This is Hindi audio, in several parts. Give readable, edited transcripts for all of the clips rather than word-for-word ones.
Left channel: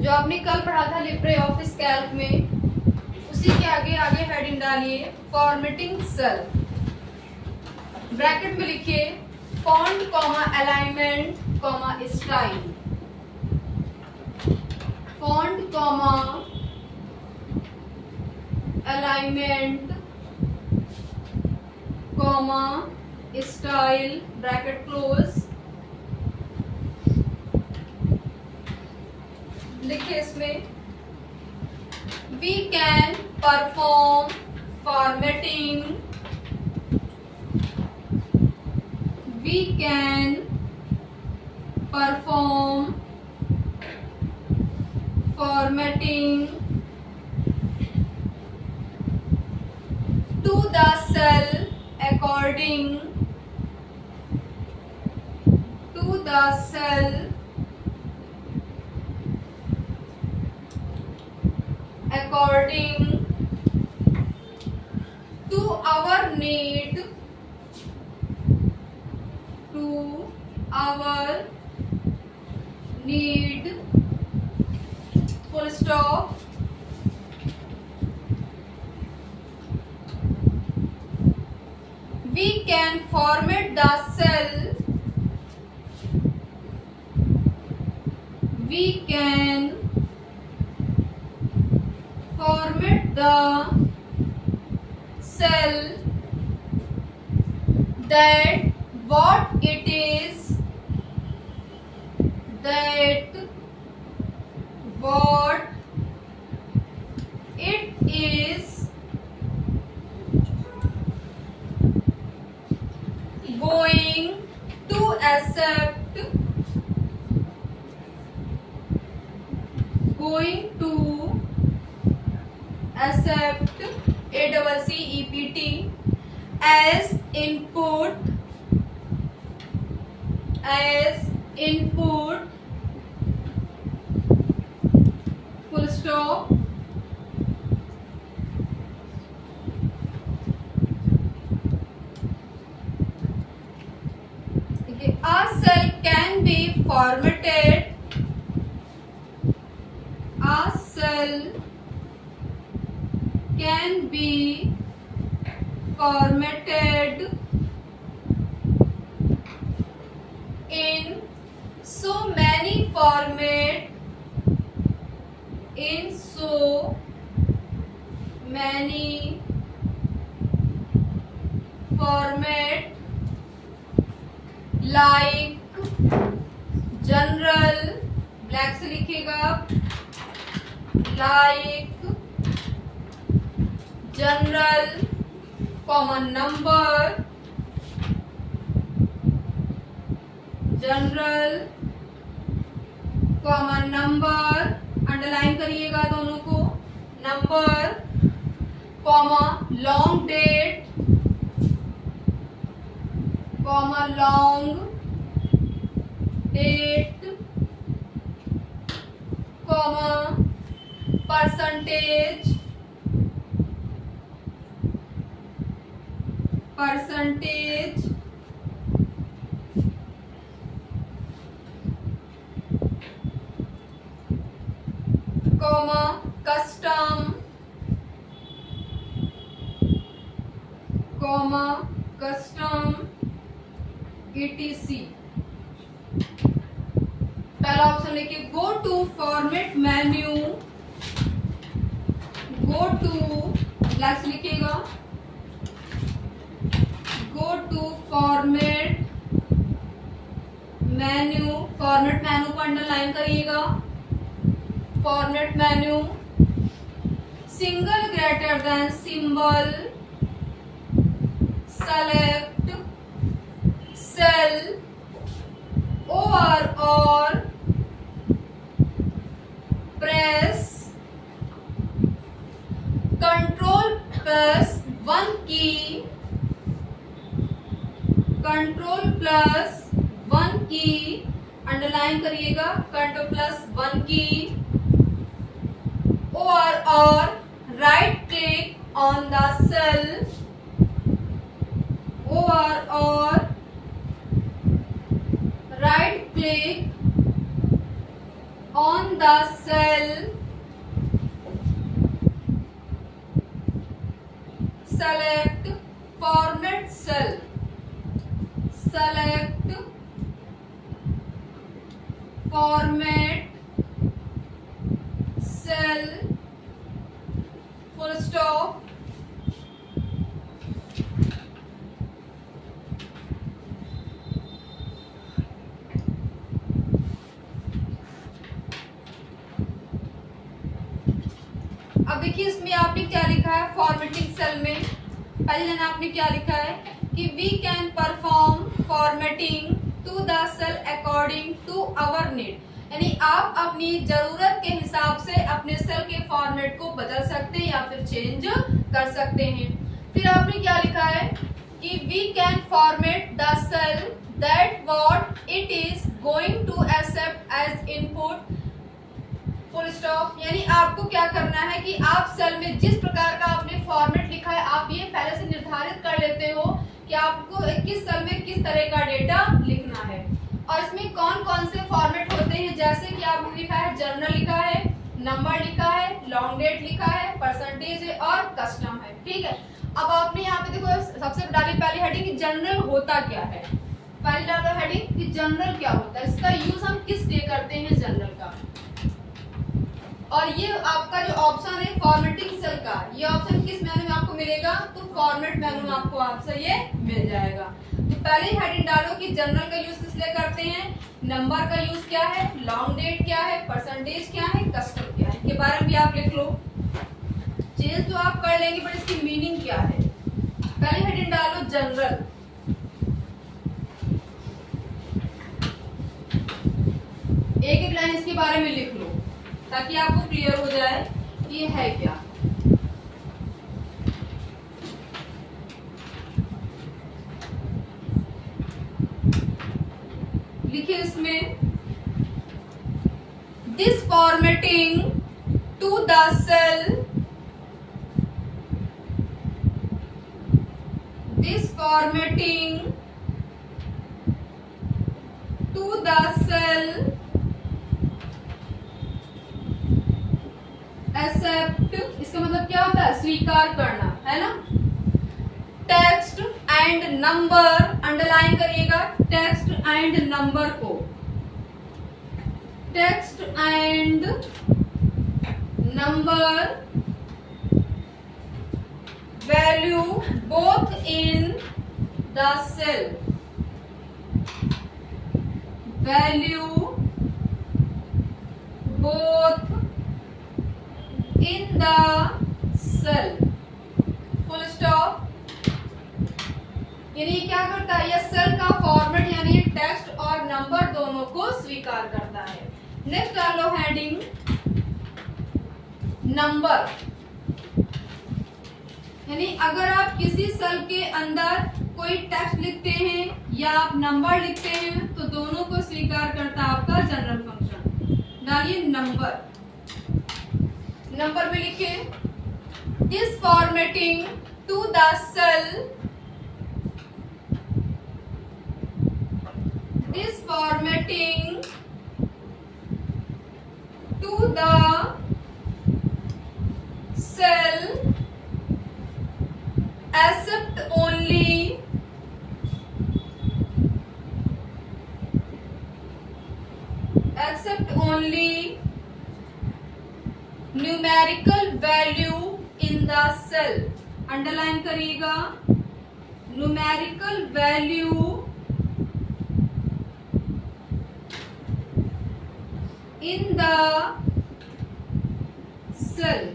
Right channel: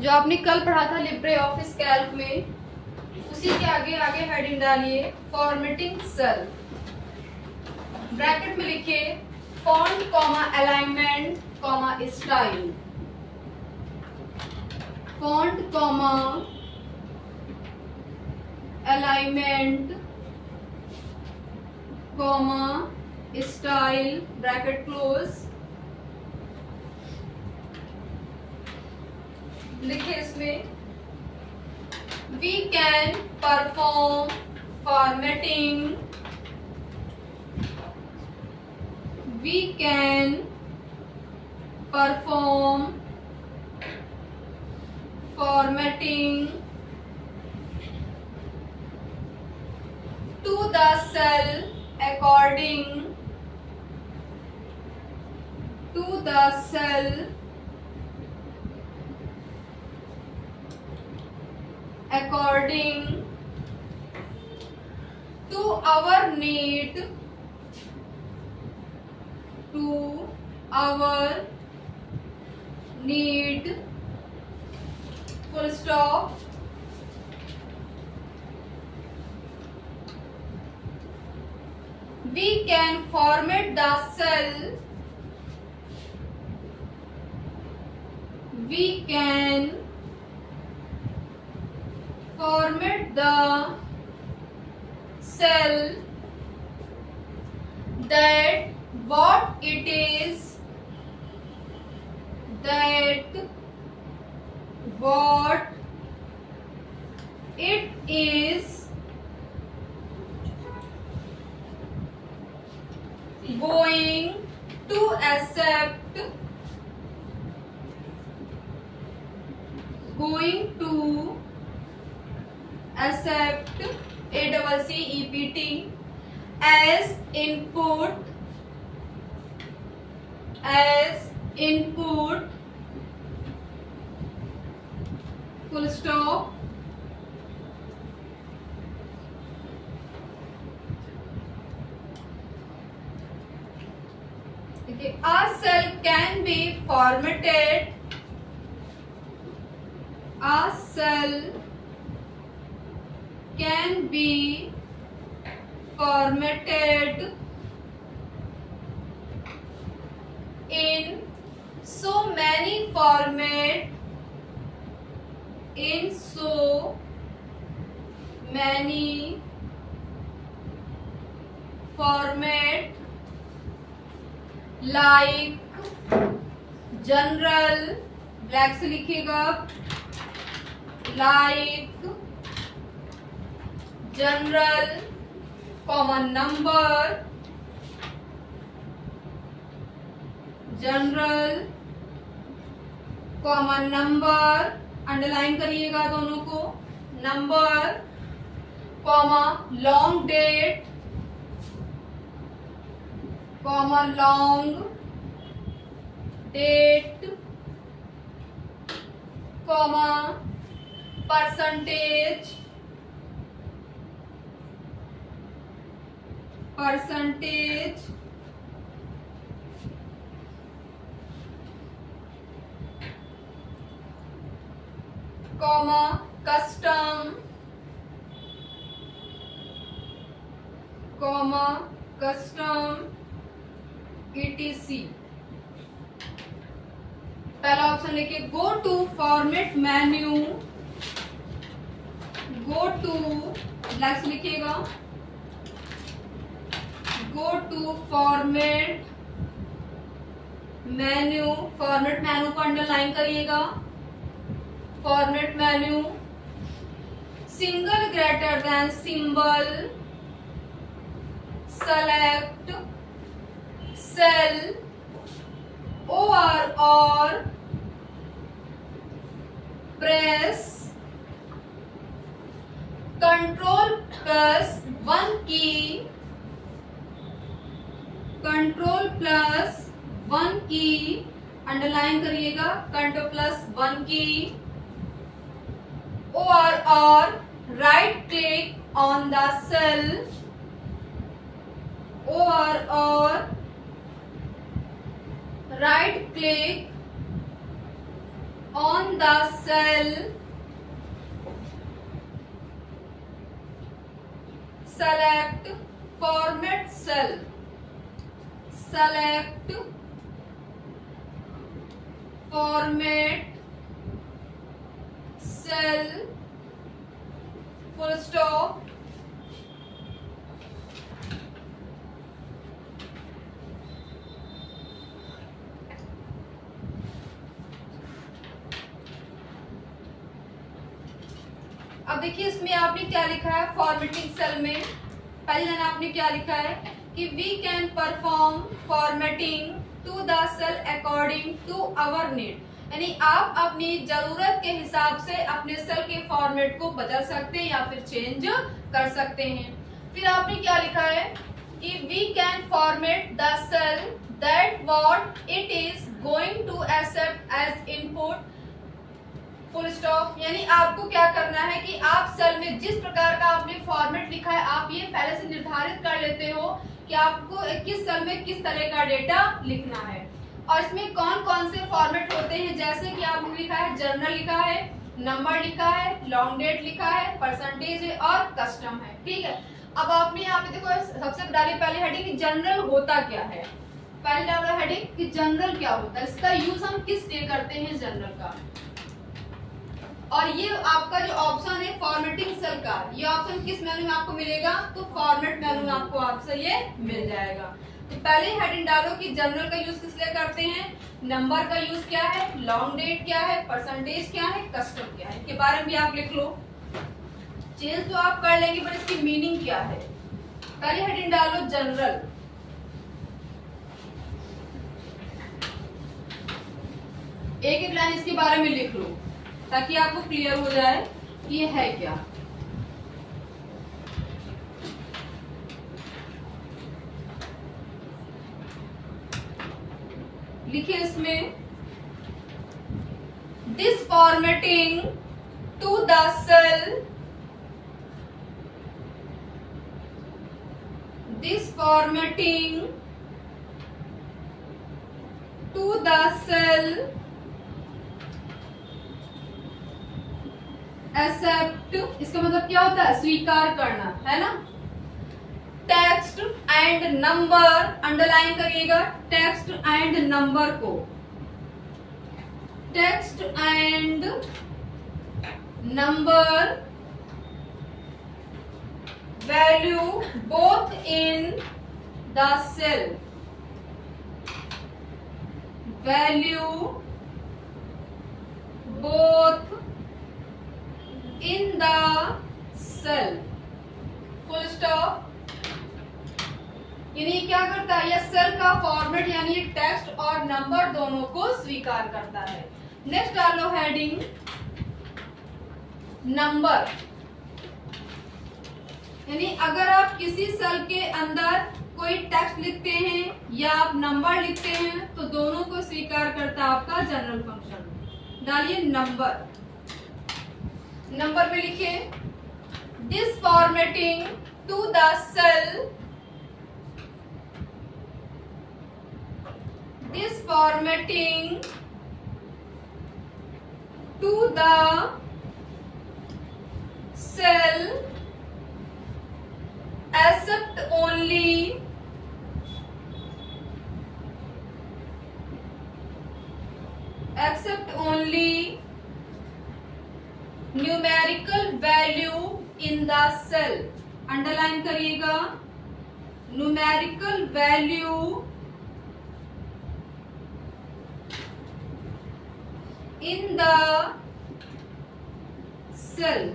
जो आपने कल पढ़ा था लिब्रे ऑफिस कैल्क में, उसी के आगे आगे हेडिंग डालिए फॉर्मेटिंग सेल। ब्रैकेट में लिखिए font comma alignment comma style, font comma alignment comma style, bracket close. लिखे इसमें we can perform formatting, we can perform formatting to the cell according to the cell according to our need, to our need, full stop। We can format the cell, we can format the cell that what it is, that what it is going to accept, going to accept ACCEPT as input, as input, full stop। A cell can be formatted, a cell can be formatted in so many format, in so many format like general, black से लिखिएगा, like general, common number, general common number, underline करिएगा दोनों को, number comma long date, comma long date, comma percentage, percentage, comma custom, comma custom ETC। पहला ऑप्शन लिखिए go to format menu, go to black से लिखिएगा, go to format menu, format menu को अंडरलाइन करिएगा, format menu, single greater than symbol, select cell or press Control plus 1 की, Control plus 1 की अंडरलाइन करिएगा, Control plus 1 की, or right click on the cell, or right click on the cell select format cell, select format cell, full stop. अब देखिए इसमें आपने क्या लिखा है, फॉर्मेटिंग सेल में पहले लाइन आपने क्या लिखा है कि we can perform formatting to the cell according to our need, यानी आप अपनी जरूरत के हिसाब से अपने सेल के फॉर्मेट को बदल सकते हैं या फिर चेंज कर सकते हैं। फिर आपने क्या लिखा है कि we can format the cell that what it is going to accept as input, full stop. यानी आपको क्या करना है कि आप सेल में जिस प्रकार का आपने फॉर्मेट लिखा है आप ये पहले से निर्धारित कर लेते हो कि आपको किस सेल में किस तरह का डेटा लिखना है। और इसमें कौन कौन से फॉर्मेट होते हैं, जैसे कि आपने लिखा है जर्नल लिखा है, नंबर लिखा है, लॉन्ग डेट लिखा है, परसेंटेज है और कस्टम है। ठीक है, अब आपने यहाँ पे देखो सबसे डाली पहले हेडिंग कि जनरल होता क्या है, पहले डालो हेडिंग कि जनरल क्या होता है, इसका यूज हम किस लिए करते हैं जनरल का। और ये आपका जो ऑप्शन है फॉर्मेटिंग सेल का, ये ऑप्शन किस मेनू में आपको मिलेगा, तो फॉर्मेट मेनू में आपको आपसे ये मिल जाएगा। तो पहले हेडिंग डालो कि जनरल का यूज किस लिए करते हैं, नंबर का यूज क्या है, लॉन्ग डेट क्या है, परसेंटेज क्या है, कस्टम क्या है, इनके बारे में भी आप लिख लो। चेंज तो आप कर लेंगे बट इसकी मीनिंग क्या है। पहले हेडिंग डालो जनरल, एक एक लाइन इसके बारे में लिख लो ताकि आपको क्लियर हो जाए कि ये है क्या। लिखिए इसमें this formatting to the cell, this formatting to the cell accept, इसका मतलब क्या होता है, स्वीकार करना, है ना। टेक्स्ट एंड नंबर, अंडरलाइन करिएगा टेक्स्ट एंड नंबर को, text and number value both in the cell, value both in the cell, full stop। यानी क्या करता है, यह सेल का फॉर्मेट यानी टेक्स्ट और नंबर दोनों को स्वीकार करता है। नेक्स्ट डालो हेडिंग नंबर, यानी अगर आप किसी सेल के अंदर कोई टेक्स्ट लिखते हैं या आप नंबर लिखते हैं तो दोनों को स्वीकार करता है आपका जनरल फंक्शन। डालिए नंबर, नंबर में लिखिए this formatting to the cell, this formatting to the cell accept only, accept only numerical value in the cell, underline करिएगा numerical value in the cell.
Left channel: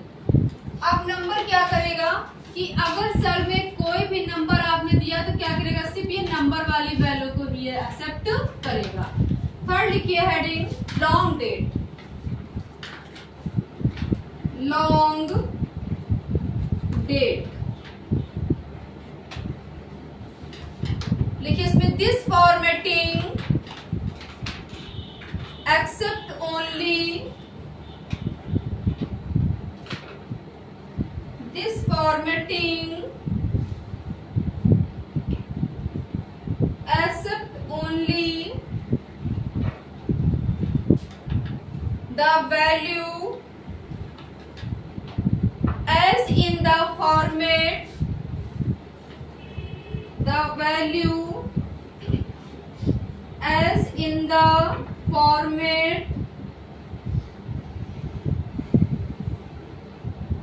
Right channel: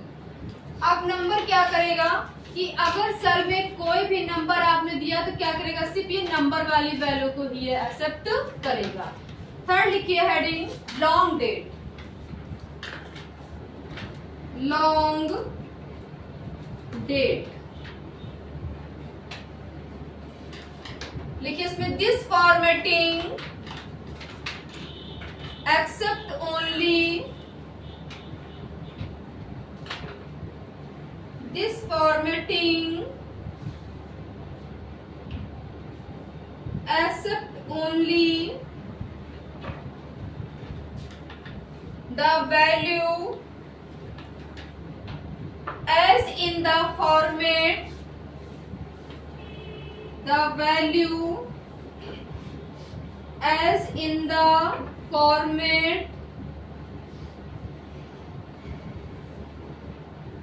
अब नंबर क्या करेगा कि अगर सेल में कोई भी नंबर आपने दिया तो क्या करेगा, सिर्फ ये नंबर वाली वैल्यू को ही एक्सेप्ट करेगा। थर्ड लिखिए heading long date, long date लिखिए इसमें this formatting accept only, this formatting accept only the value as in the format, the value as in the format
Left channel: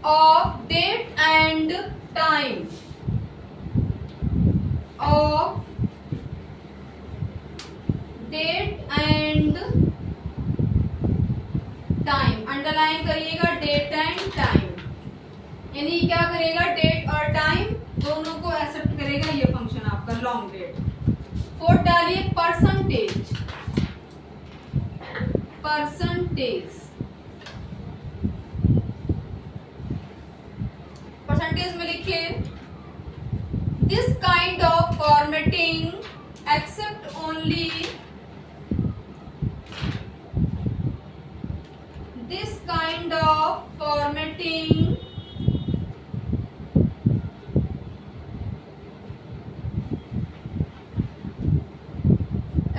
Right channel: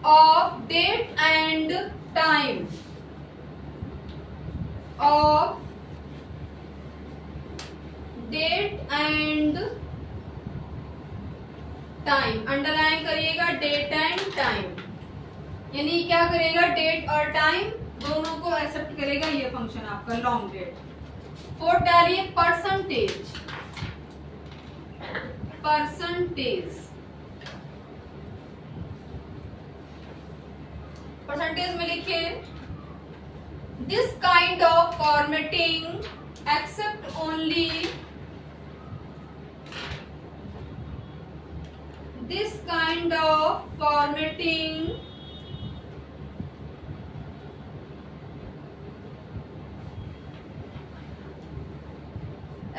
of date and time, of date and time, underline करिएगा डेट एंड टाइम, यानी क्या करेगा, डेट और टाइम दोनों को एक्सेप्ट करेगा ये फंक्शन आपका लॉन्ग डेट। फोर्थ डालिए परसेंटेज, परसेंटेज, परसेंटेज में लिखिए this kind of formatting accept only, this kind of formatting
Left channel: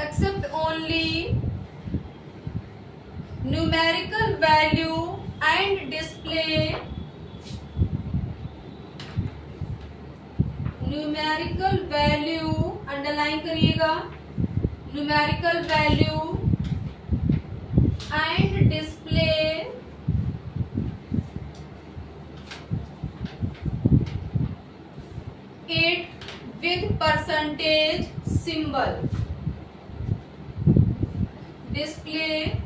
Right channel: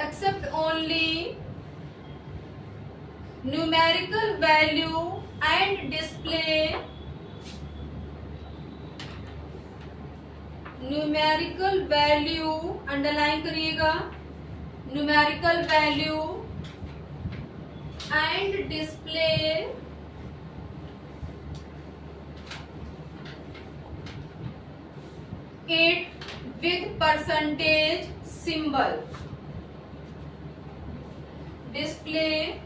accept only numerical value and display numerical value, underline करिएगा, numerical value and display it with percentage symbol, display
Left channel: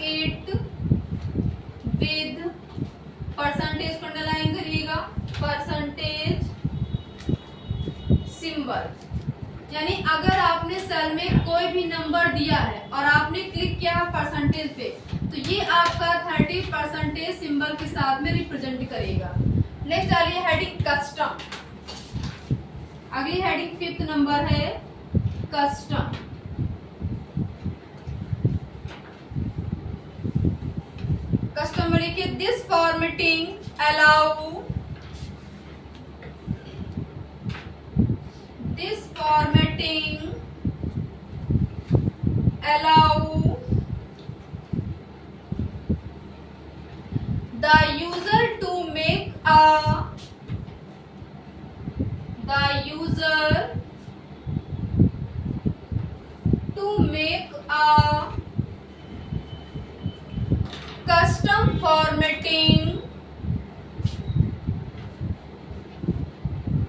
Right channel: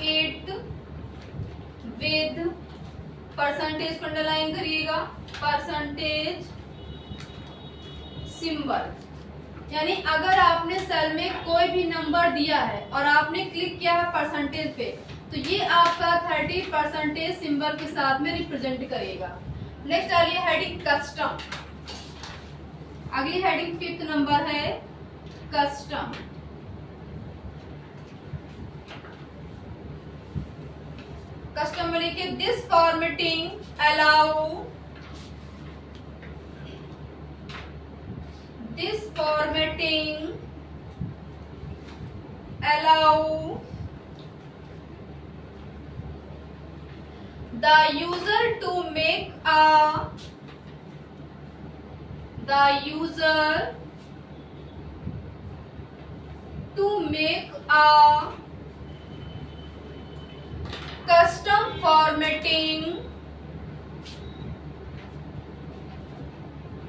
it with percentage को अंडरलाइन करिएगा, परसेंटेज सिंबल, यानी अगर आपने सेल में कोई भी नंबर दिया है और आपने क्लिक किया है परसेंटेज पे, तो ये आपका 30% सिंबल के साथ में रिप्रेजेंट करेगा। नेक्स्ट डालिए हेडिंग कस्टम, अगली हेडिंग 5th नंबर है कस्टम। कस्टम में लिखिए this formatting allow, this formatting allow the user to make a, the user to make a custom formatting,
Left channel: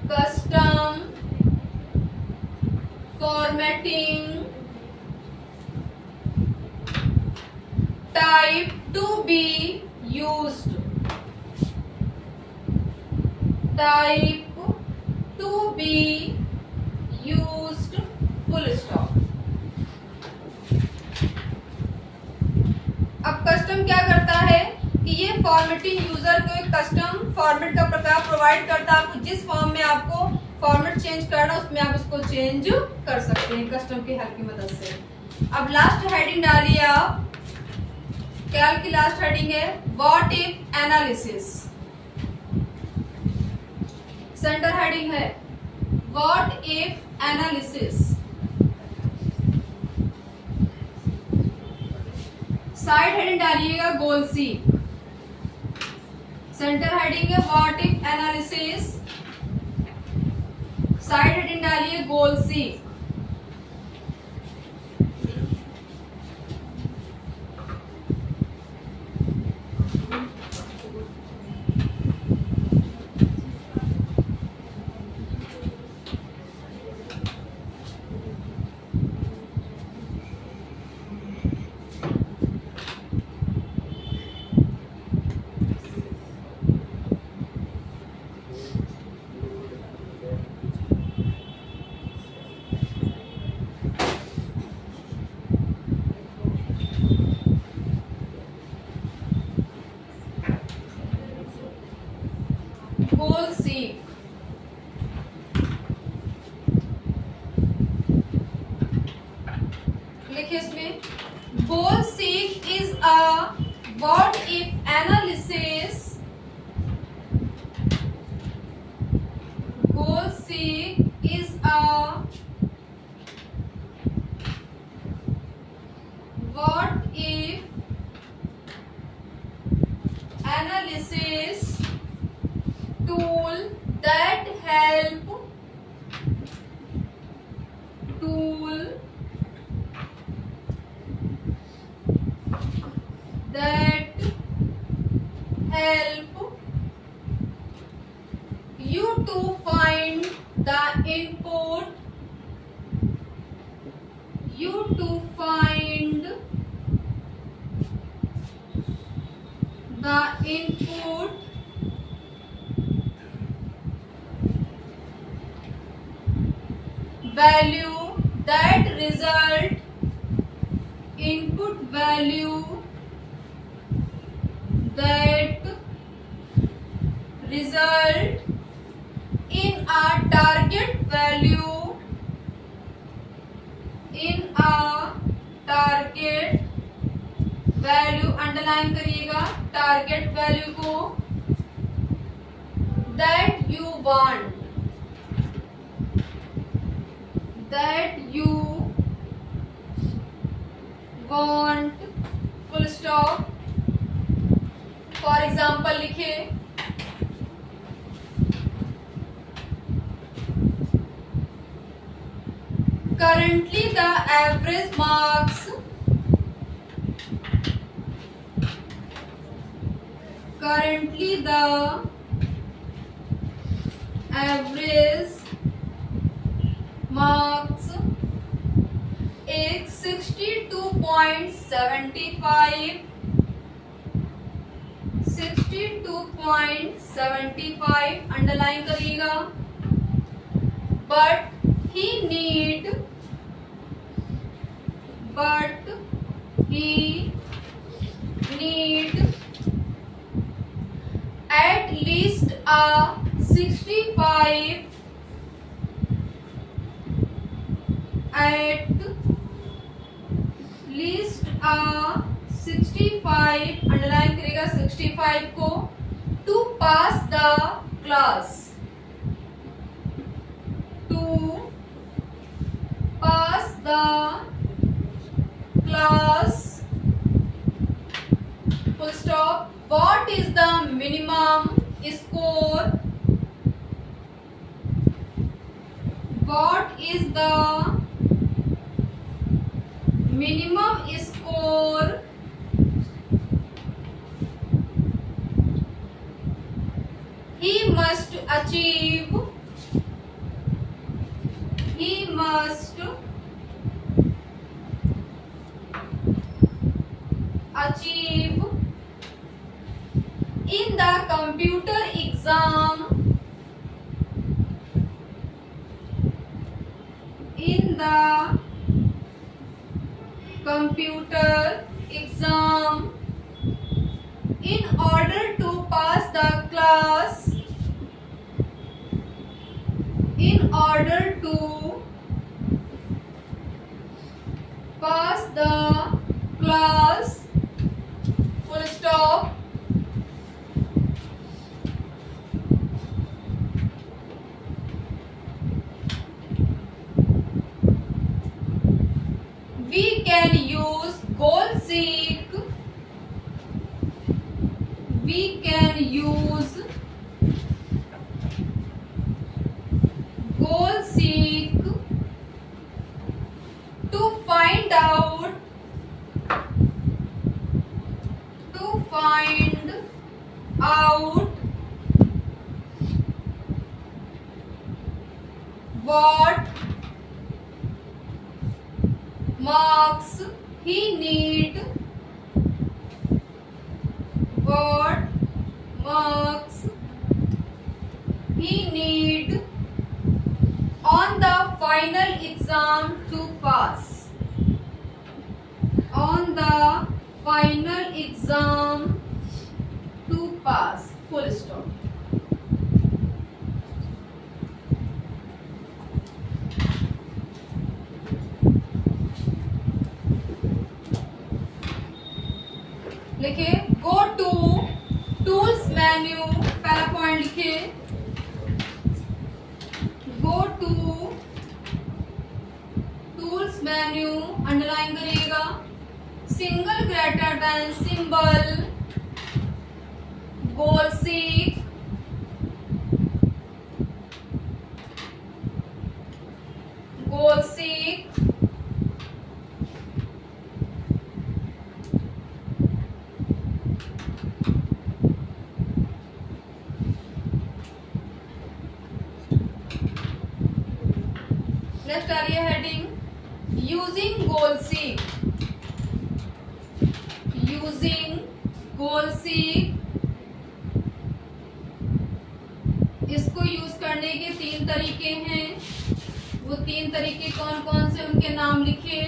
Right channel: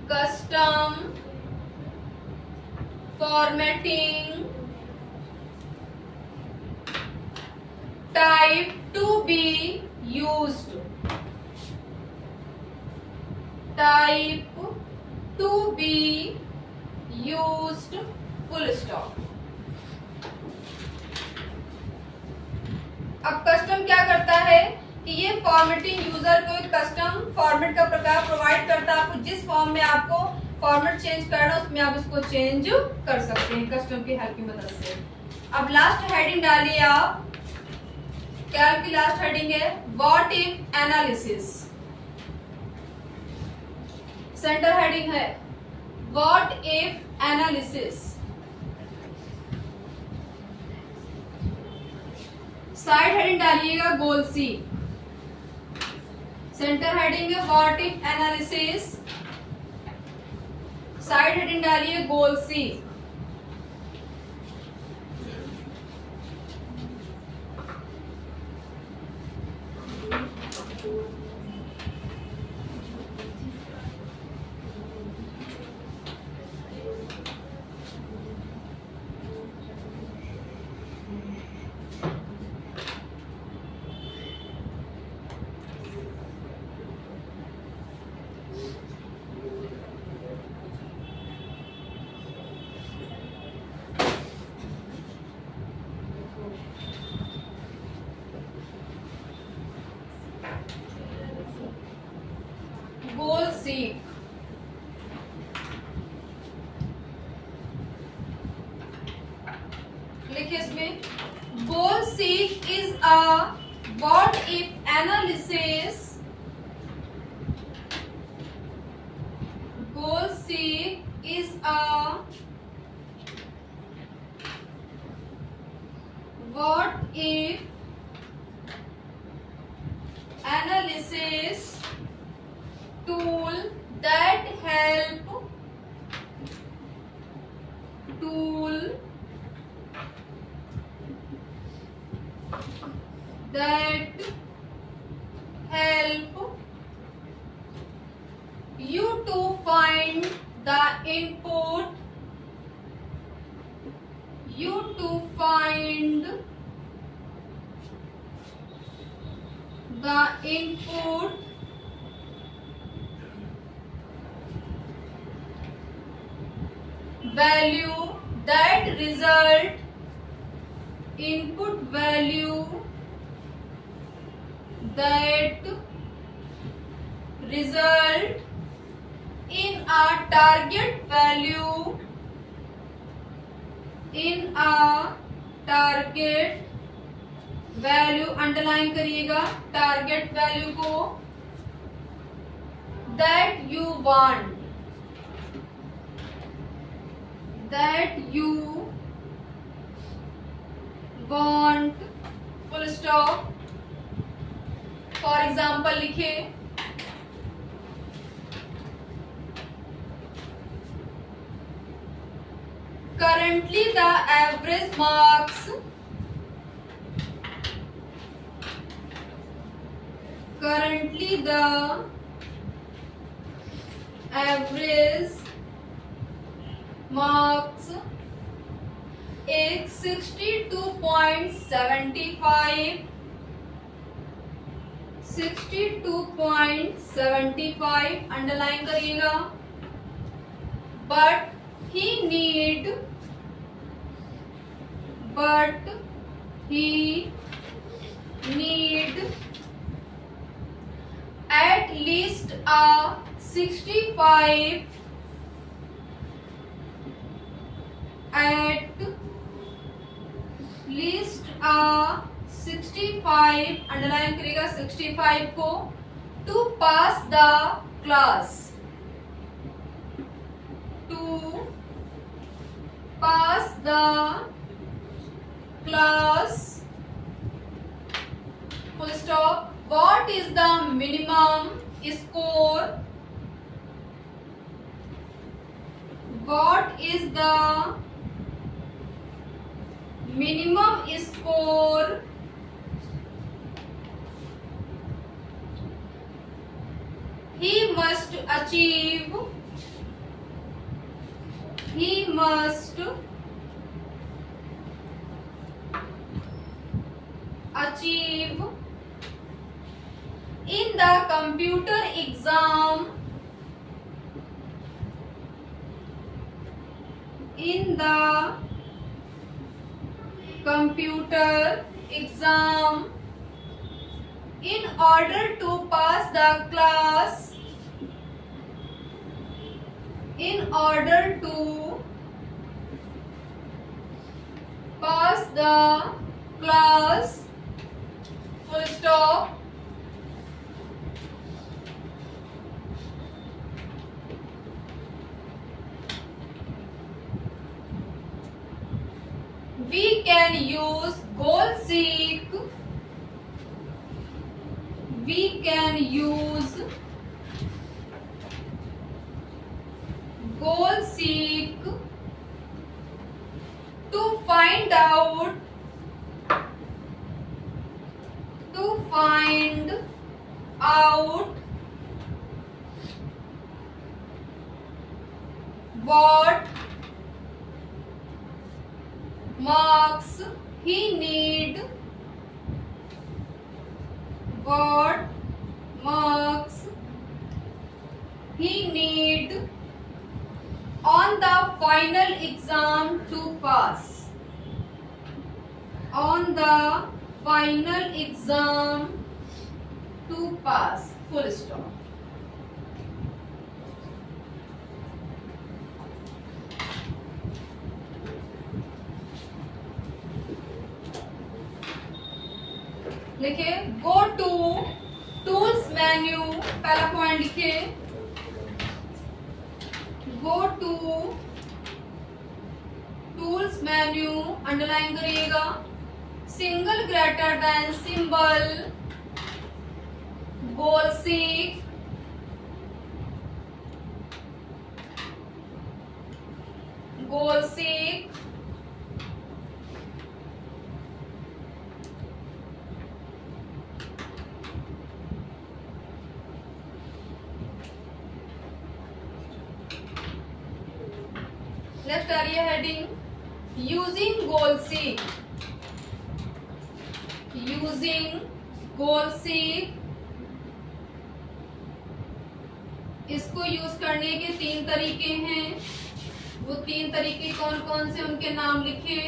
custom formatting type to be used, type to be used, full stop। अब कस्टम क्या करता है कि ये फॉर्मेटिंग यूजर को एक कस्टम फॉर्मेट का प्रकार प्रोवाइड करता है, आपको जिस फॉर्म में आपको फॉर्मेट चेंज करना उसमें आप इसको चेंज कर सकते हैं कस्टम की हेल्प की मदद से। अब लास्ट हेडिंग डालिए आप, कैल की लास्ट हेडिंग है what if analysis, center heading है what if analysis, side heading डालिएगा गोल सी, सेंटर हेडिंग है what if analysis, side heading डालिए गोल सी। गोल सीक, लिखिए इसमें goal seek is a what if analysis, goal seek is a what if analysis tool that help you to find the input value that result in a target value underline करिएगा टारगेट वैल्यू को that you want full stop. For example लिखे currently the average marks is 62.75 underline करिएगा but he need at least a 65 underline करेगा 65 को to pass the class full stop. What is the minimum score? He must achieve in the computer exam in order to pass the class full stop. We can use goal-seek to find out what marks he need on the final exam to pass full stop. लिखे गो टू टूल्स मेन्यू, पहला पॉइंट लिखे go to tools menu underline करिएगा single greater than symbol goal seek, goal seek, next आ रही है heading using goal seek, using goal seek. इसको यूज करने के 3 तरीके हैं। वो 3 तरीके कौन कौन से, उनके नाम लिखिए।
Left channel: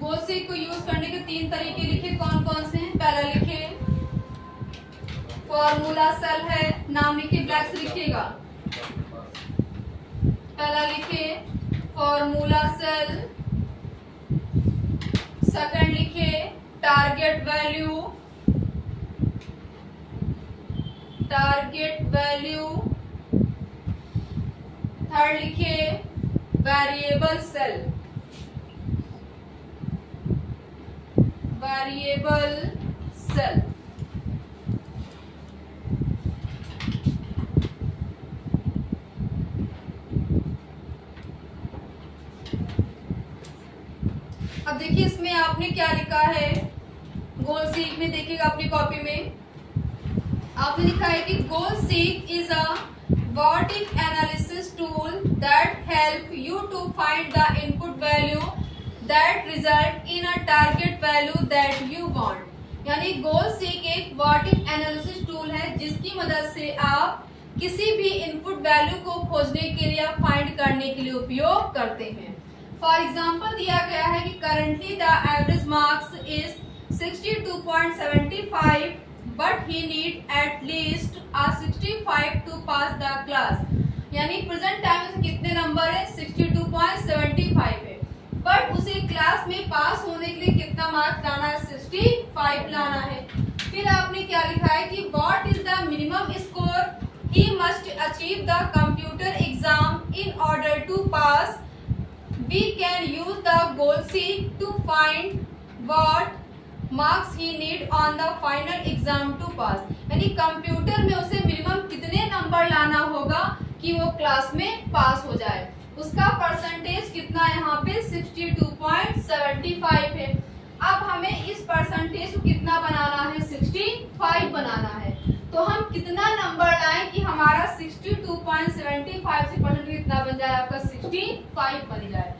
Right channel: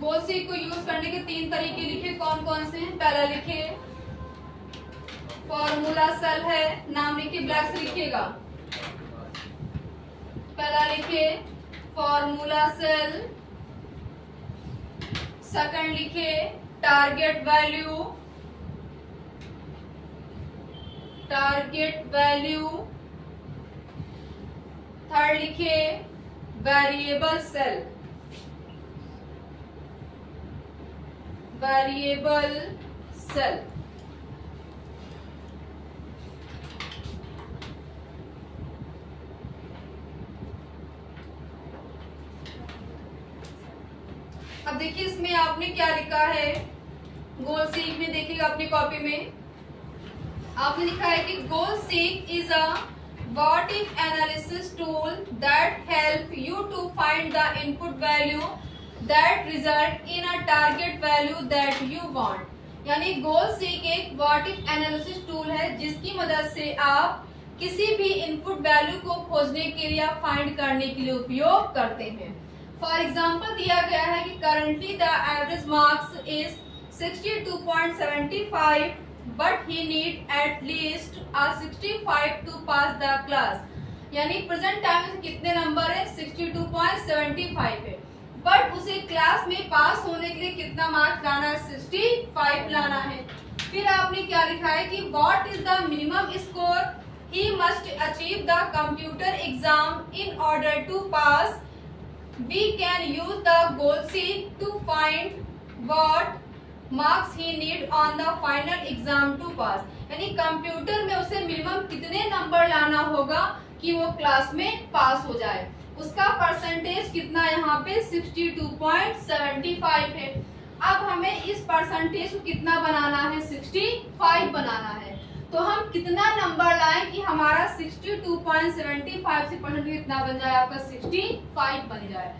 गोल सीक को यूज करने के 3 तरीके लिखे, कौन कौन से हैं। पहला लिखिए फॉर्मूला सेल है, नाम लिखिए, ब्लैक से लिखिएगा। पहला लिखिए फॉर्मूला सेल। सेकंड लिखिए target value, target value. Third लिखिए वेरिएबल सेल, वेरिएबल सेल। अब देखिए इसमें आपने क्या लिखा है। गोल सीक में देखिएगा अपनी कॉपी में आपने लिखा है कि goal seek is a what if analysis tool that help you to find the input value that result in a target value that you want. यानी गोल सीक एक व्हाट इफ एनालिसिस टूल है जिसकी मदद से आप किसी भी इनपुट वैल्यू को खोजने के लिए, फाइंड करने के लिए उपयोग करते हैं। फॉर एग्जाम्पल दिया गया है कि currently the average marks is 62.75 but he need at least a 65 to pass the class। यानी प्रेजेंट टाइम में कितने नंबर है, 62.75 है, बट उसे क्लास में पास होने के लिए कितना मार्क्स लाना है, 65 लाना है। फिर आपने क्या लिखा है कि what is the minimum score he must achieve the computer exam in order to pass। We can use the goal seek to find what marks he need on the final exam to pass। यानी कंप्यूटर में उसे मिनिमम कितने नंबर लाना होगा कि वो क्लास में पास हो जाए। उसका परसेंटेज कितना यहाँ पे 62.75 है। अब हमें इस परसेंटेज को कितना बनाना है, 65 बनाना है। तो हम कितना नंबर लाएं कि हमारा 62.75 से परसेंट कितना बन जाए, आपका 65 बन जाए।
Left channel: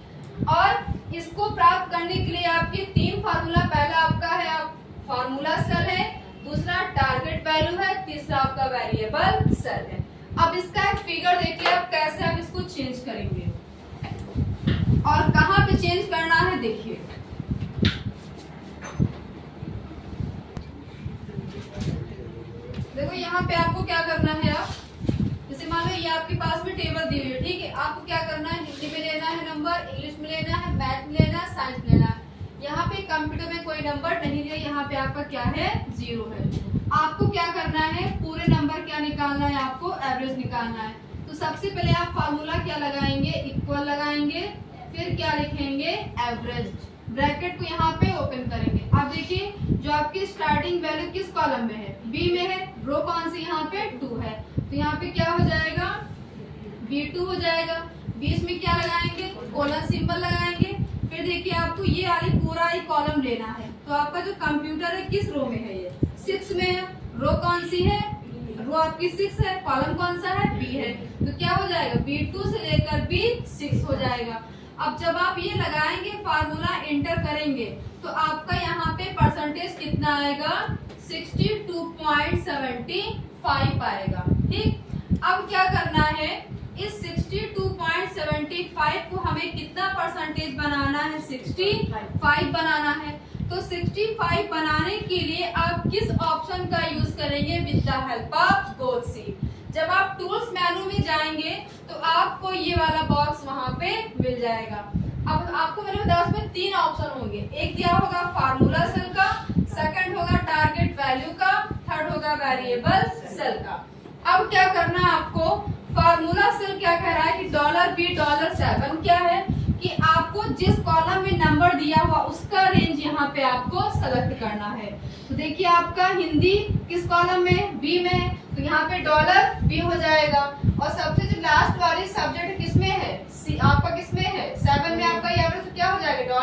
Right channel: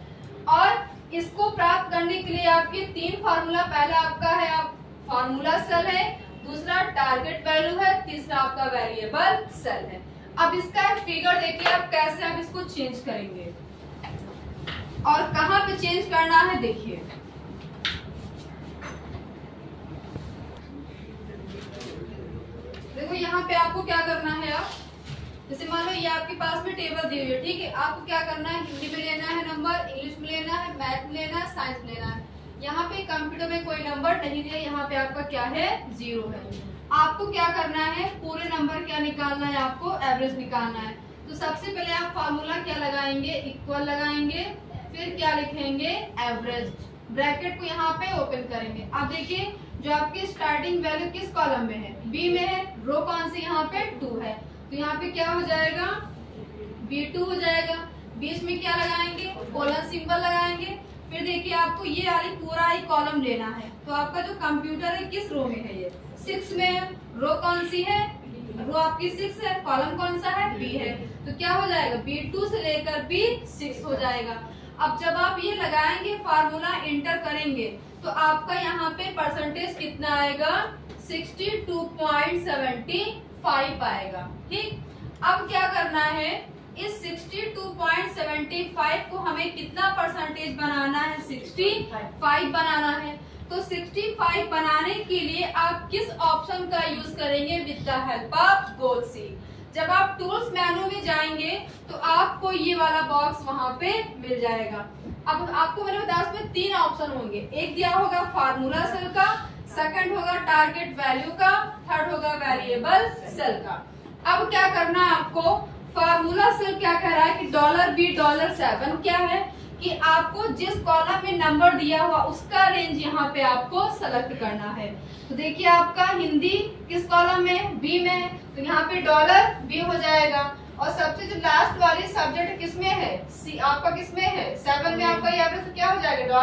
और इसको प्राप्त करने के लिए आपके 3 फार्मूला, पहला आपका है आप फार्मूला सेल है, दूसरा टारगेट वैल्यू है, तीसरा आपका वेरिएबल सेल है। अब इसका एक फिगर देखिए आप कैसे आप इसको चेंज करेंगे और कहाँ पे चेंज करना है देखिए। देखो यहाँ पे आपको क्या करना है, आप जैसे मान लो ये आपके पास में टेबल दी हुई है, ठीक है। आपको क्या करना है, हिंदी में लेना है नंबर, इंग्लिश में लेना है, मैथ में लेना है, साइंस में लेना है। यहाँ पे कंप्यूटर में कोई नंबर नहीं दिया, यहाँ पे आपका क्या है, 0 है। आपको क्या करना है, पूरे नंबर क्या निकालना है, आपको एवरेज निकालना है। तो सबसे पहले आप फार्मूला क्या लगाएंगे, इक्वल लगाएंगे, फिर क्या लिखेंगे, एवरेज। ब्रैकेट को यहाँ पे ओपन करेंगे। अब देखिए जो आपकी स्टार्टिंग वैल्यू किस कॉलम में है, बी में है, रो कौन सी, यहाँ पे 2 है, तो यहाँ पे क्या हो जाएगा, B2 हो जाएगा। बीच में क्या लगाएंगे, कोलन सिंबल लगाएंगे। फिर देखिए आपको ये वाली पूरा ही कॉलम लेना है। तो आपका जो कंप्यूटर है किस रो में है, ये 6 में है। रो कौन सी है, रो आपकी 6 है, कॉलम कौन सा है, B है। तो क्या हो जाएगा, B2 से लेकर B6 हो जाएगा। अब जब आप ये लगाएंगे, फार्मूला एंटर करेंगे, तो आपका यहाँ पे परसेंटेज कितना आएगा, 62.75 आएगा। ठीक, अब क्या करना है, इस 62.75 को हमें कितना परसेंटेज बनाना है, 65 बनाना है। तो 65 बनाने के लिए आप किस ऑप्शन का यूज करेंगे, with the help of goal seek. जब आप टूल्स मेनू में जाएंगे तो आपको ये वाला बॉक्स वहां पे मिल जाएगा। अब आपको मैंने बताया उसमें 3 ऑप्शन होंगे, एक दिया होगा फार्मूला सेल का, सेकंड होगा टारगेट वैल्यू का, थर्ड होगा वेरिएबल सेल का। अब क्या करना है आपको, फार्मूला सेल क्या कह रहा है कि $B$7 क्या है, कि आपको जिस कॉलम में नंबर दिया हुआ उसका रेंज यहाँ पे आपको सेलेक्ट करना है। तो देखिए आपका हिंदी किस कॉलम में, बी में, तो यहाँ पे डॉलर बी हो जाएगा। और सबसे जो लास्ट वाली सब्जेक्ट किसमें है, सी, आपका किसमें है 7 में, आपका यहाँ पे तो क्या हो जाएगा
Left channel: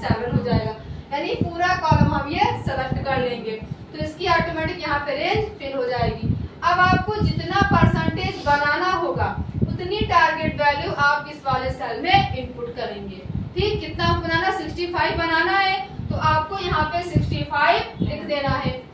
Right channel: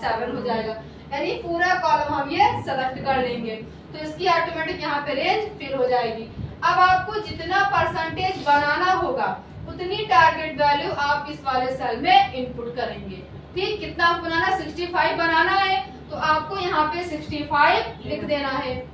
$7 हो जाएगा। यानी पूरा कॉलम हम ये सेलेक्ट कर लेंगे तो इसकी ऑटोमेटिक यहाँ पे रेंज फिल हो जाएगी। अब आपको जितना परसेंटेज बनाना होगा उतनी टारगेट वैल्यू आप इस वाले सेल में इनपुट करेंगे। ठीक, कितना बनाना, 65 बनाना है तो आपको यहाँ पे 65 लिख देना है।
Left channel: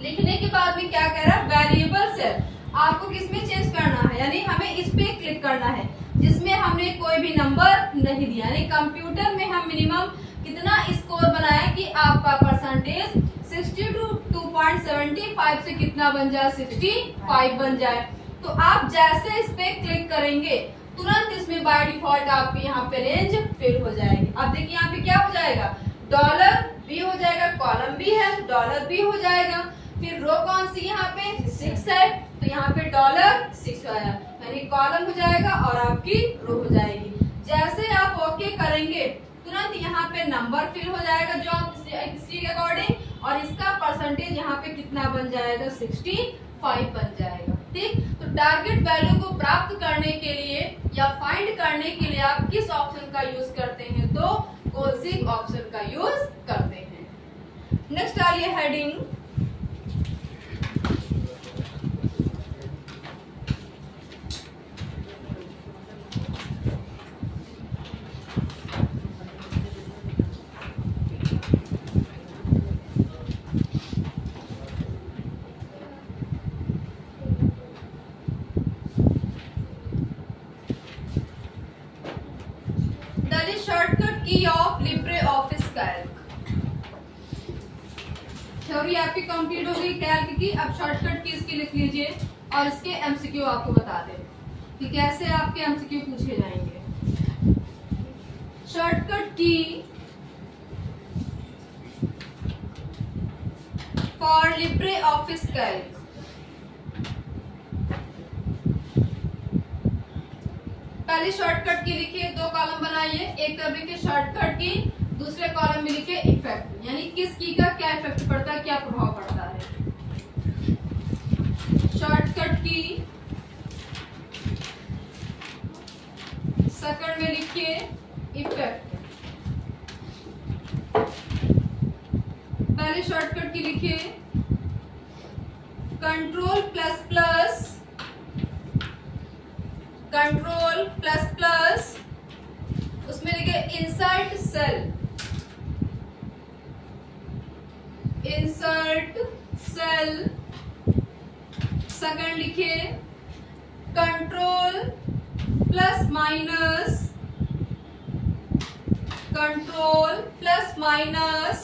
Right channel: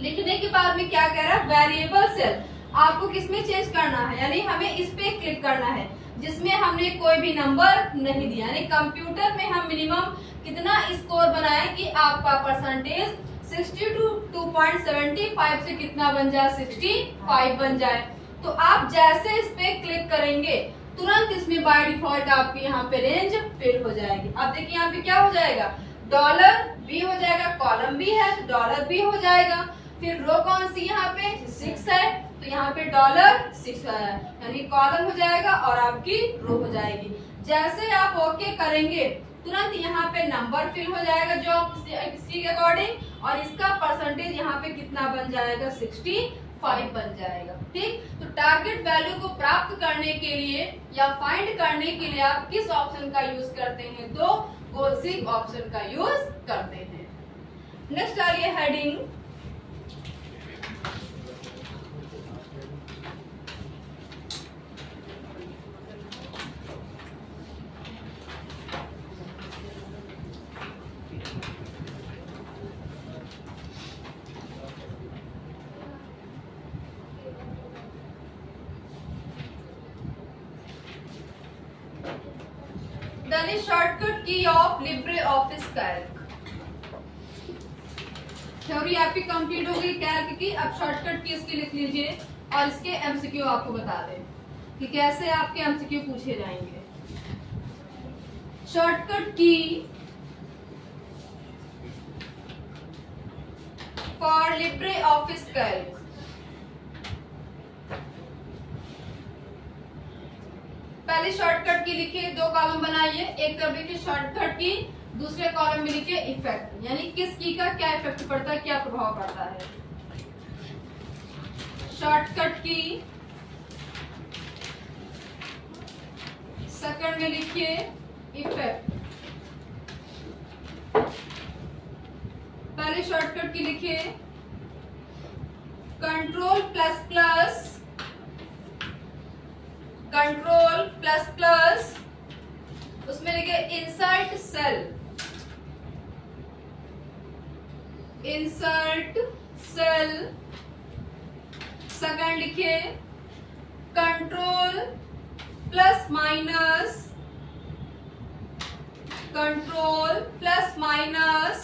लिखने के बाद में क्या कह रहा है, वेरिएबल सेल आपको किसमें चेंज करना है, यानी हमें इस पे क्लिक करना है जिसमें हमने कोई भी नंबर नहीं दिया। यानी कंप्यूटर में हम मिनिमम कितना स्कोर बनाए कि आपका परसेंटेज 62.75 से कितना बन जाए, 65 बन जाए। तो आप जैसे इस पे क्लिक करेंगे तुरंत इसमें बाय डिफॉल्ट आपके यहाँ पे रेंज फिल हो जाएगी। अब देखिए यहाँ पे क्या हो जाएगा, डॉलर बी हो जाएगा, कॉलम बी है तो डॉलर बी हो जाएगा। फिर रो कौन सी यहाँ पे 6 है तो यहाँ पे $6 आया, यानी कॉलम हो जाएगा और आपकी रो हो जाएगी। जैसे आप ओके करेंगे तुरंत यहाँ पे नंबर फिल हो जाएगा जो इसके अकॉर्डिंग, और इसका परसेंटेज यहाँ पे कितना बन जाएगा, 65 बन जाएगा। ठीक, तो टारगेट वैल्यू को प्राप्त करने के लिए या फाइंड करने के लिए आप किस ऑप्शन का यूज करते हैं, तो कोलसिक ऑप्शन का यूज करते हैं। नेक्स्ट आ रही है हेडिंग, शॉर्टकट की of Libre office Calc. Theory आपकी कंप्लीट हो गई कैल्क की। अब शॉर्टकट की इसकी लिख लीजिए और इसके एमसीक्यू आपको बता दें कि कैसे आपके एमसीक्यू पूछे जाएंगे। शॉर्टकट की फॉर लिब्रे ऑफिस कैल्क। पहले शॉर्टकट की लिखिए, 2 कॉलम बनाइए, एक तरफ लिखिए शॉर्टकट की, दूसरे कॉलम में लिखिए इफेक्ट, यानी किस की का क्या इफेक्ट पड़ता है, क्या प्रभाव पड़ता है। शॉर्टकट की सेकंड में लिखिए इफेक्ट। पहले शॉर्टकट की लिखिए control plus plus, control plus plus, उसमें लिखे insert cell, insert cell. Second लिखिए control plus minus, control plus minus,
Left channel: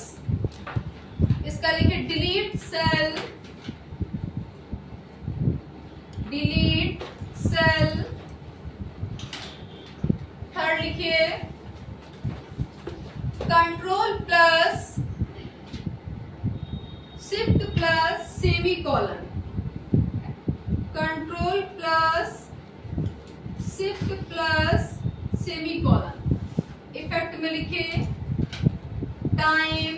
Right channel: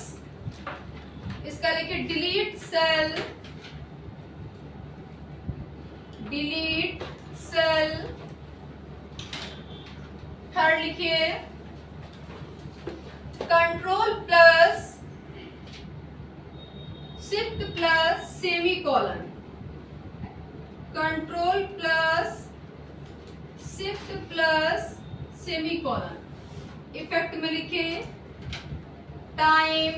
इसका लिखिए delete cell, delete cell. Third लिखिए control plus shift plus semicolon, control plus shift plus semicolon. Effect में लिखिए टाइम,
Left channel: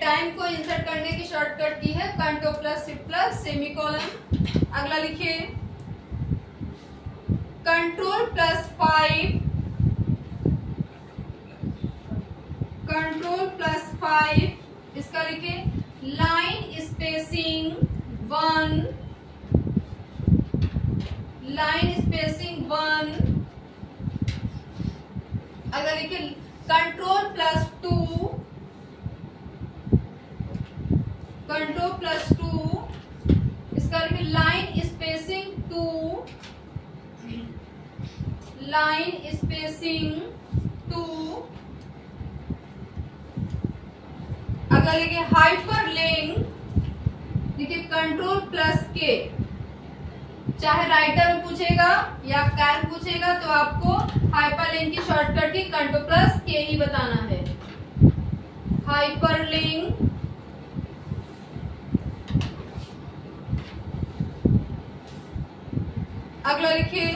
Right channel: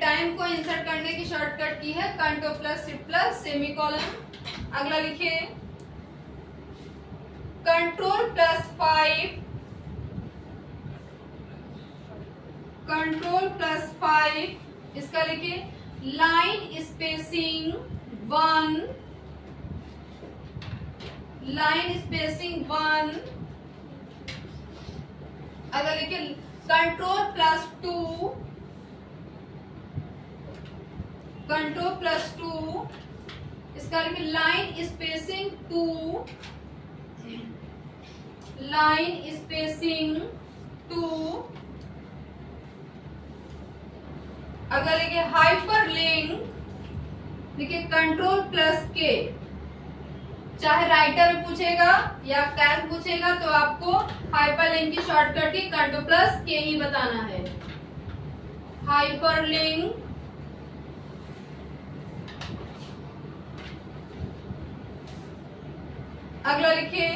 टाइम को इंसर्ट करने की शॉर्टकट की है control plus shift plus semi colon. अगला लिखिए कंट्रोल प्लस 5, कंट्रोल प्लस 5, इसका लिखिए लाइन स्पेसिंग 1, लाइन स्पेसिंग 1। अगर लिखिए कंट्रोल प्लस 2, कंट्रोल प्लस 2, इसका लिखिए लाइन स्पेसिंग 2, लाइन स्पेसिंग 2। अगर लिखे हाइपर लिंक, लिखे कंट्रोल प्लस के, चाहे राइटर में पूछेगा या कैल्क पूछेगा तो आपको हाइपर लिंक की शॉर्टकट की कंट्रोल प्लस के ही बताना है। हाइपर लिंक, अगला लिखिए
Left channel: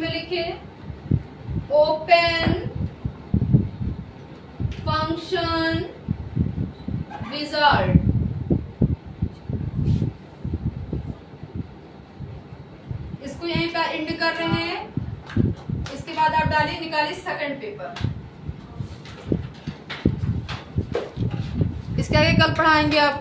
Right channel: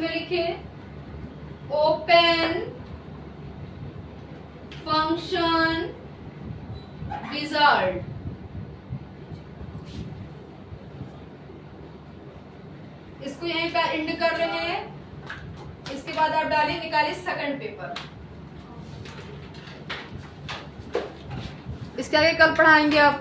में लिखे ओपन फंक्शन विजार्ड। इसको यहीं पर इंड कर रहे हैं। इसके बाद आप डालिए, निकालिए सेकंड पेपर। इसके आगे कल पढ़ाएंगे आप।